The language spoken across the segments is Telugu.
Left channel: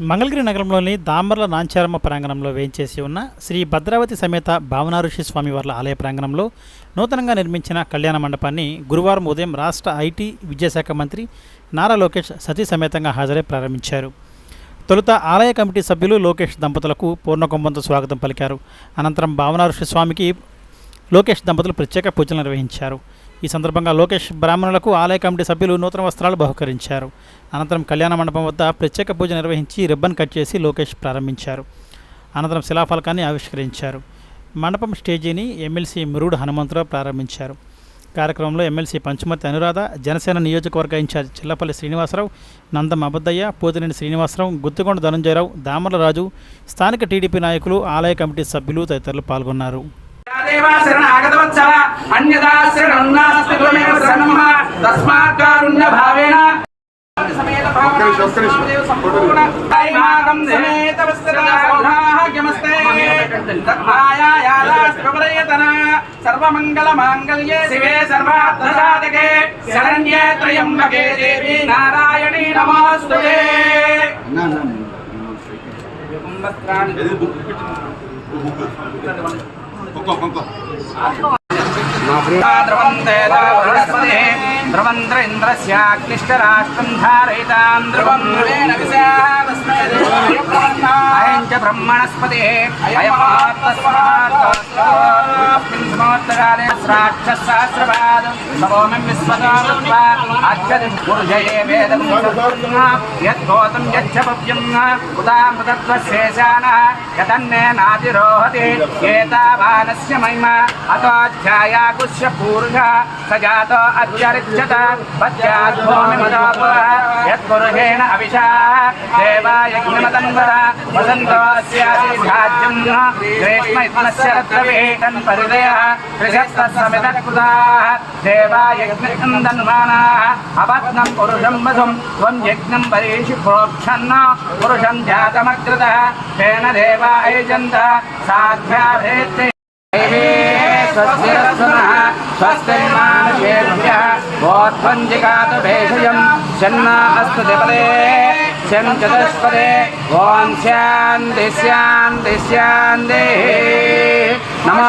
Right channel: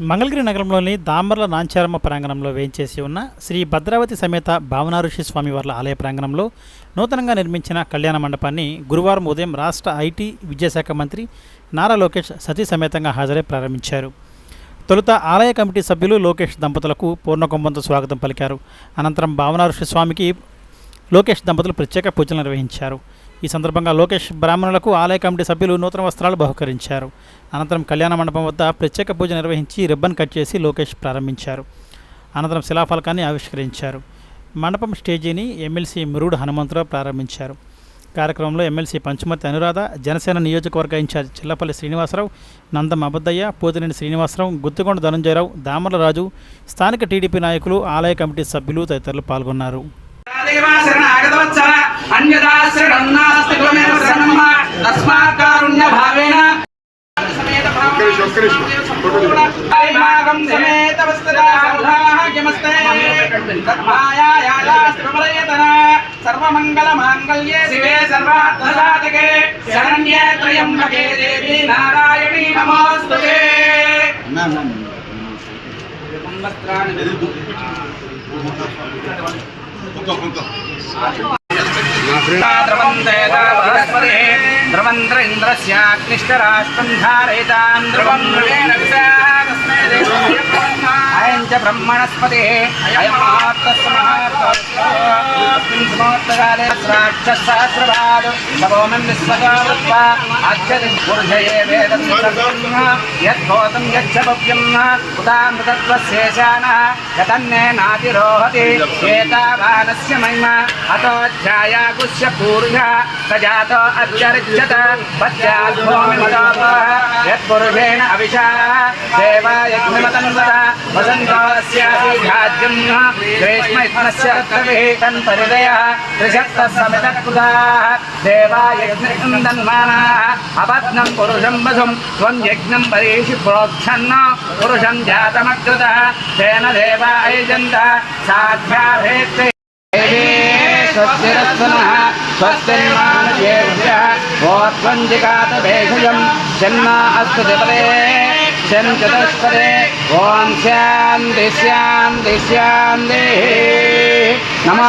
మంగళగిరి నగరంలోని దామర్ల నాంచారమ్మ ప్రాంగణంలో వేయించేసి ఉన్న శ్రీ భద్రావతి సమేత భావనారుషి స్వామివార్ల ఆలయ ప్రాంగణంలో నూతనంగా నిర్మించిన కళ్యాణ మండపాన్ని గురువారం ఉదయం రాష్ట్ర ఐటీ విద్యాశాఖ మంత్రి నారా లోకేష్ సతీ సమేతంగా హాజరై ప్రారంభించారు. తొలుత ఆలయ కమిటీ సభ్యులు లోకేష్ దంపతులకు పూర్ణకుంభంతో స్వాగతం పలికారు. అనంతరం భావనారుషి స్వామికి లోకేష్ దంపతులు ప్రత్యేక పూజలు నిర్వహించారు. ఈ సందర్భంగా లోకేష్ బ్రాహ్మణులకు ఆలయ కమిటీ సభ్యులు నూతన వస్త్రాలు బహుకరించారు. అనంతరం కళ్యాణ మండపం వద్ద ప్రత్యేక పూజ నిర్వహించి రిబ్బన్ కట్ చేసి లోకేష్ ప్రారంభించారు. అనంతరం శిలాఫలకాన్ని ఆవిష్కరించారు. మండపం స్టేజీని ఎమ్మెల్సీ మురుడు హనుమంతరావు ప్రారంభించారు. కార్యక్రమంలో ఎమ్మెల్సీ పంచుమతి అనురాధ జనసేన నియోజకవర్గ ఇన్ఛార్జ్ చిల్లపల్లి శ్రీనివాసరావు నందం అబద్దయ్య పోతినేని శ్రీనివాసరావు గుత్తుకొండ ధనంజయరావు దామర్లరాజు స్థానిక టీడీపీ నాయకులు ఆలయ కమిటీ సభ్యులు తదితరులు పాల్గొన్నారు. దేవా శరణాగతవత్సల అన్యదా శరణాస్తి త్వమేవ శరణం తస్మాత్ కారుణ్య భావేన సమేత భాగం సమేత వస్త్రా సౌభాగ్యమస్తే తత్మాయాయాలాస్త్రమరయతన సర్వమంగళ మాంగళ్యే శివే సర్వార్థ సాధకే శరణ్యే త్రయంబకే దేవి నారాయణీ నమోస్తుతే. వస్త్రాన్ని ధ్రువంద్రేంద్రస్యాక్లిష్టరాష్ట్రం ధారయితాం ధ్రువం ధ్రువేణ అయం చ బ్రహ్మణస్పతి అయమాత్మస్మాత్మస్మిన్ यद्भूतं यच्छ भव्यं उदामृतत्वशेषानः यतन्ने नातिरोहति एतावानस्य महिमा अतोऽध्याया कृष्य पूर्णः स जातो अत्यरिच्यत पश्चाद्भूमिमदापः यत्पुरुषेण अभिषाः देवाय गुणतन्वः वसन्तोऽस्याभिघाज्यं ग्रेष्मस्य रत्नविहितं परिदयः त्रिशस्तः सतत्कृताः గ్రీష్మ అపత్నం పురుషం వసుం త్వం యజ్ఞం పరీషి ప్రోక్షన్న పురుషం జాతమగ్రత తేన దేవాయజంత సాధ్యాభేత్తే స్వస్తిరత్నః స్వస్తిర్మానుషేభ్యः గోత్వంజికాత భేషజం శన్నా అస్తు జపదే శం ఓం శాంతి శాంతి శాంతి. నమో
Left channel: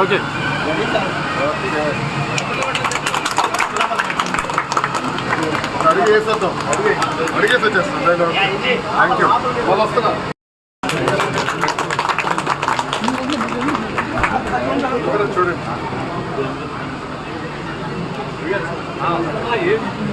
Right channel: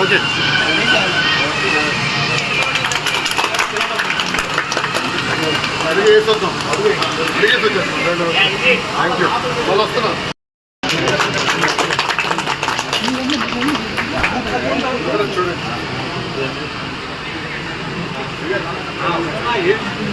ఓకే అడిగేసి వద్దాం. అడిగి అడిగేసి వచ్చేస్తాం థ్యాంక్ యూ వాళ్ళు వస్తున్నా ఇక్కడ చూడండి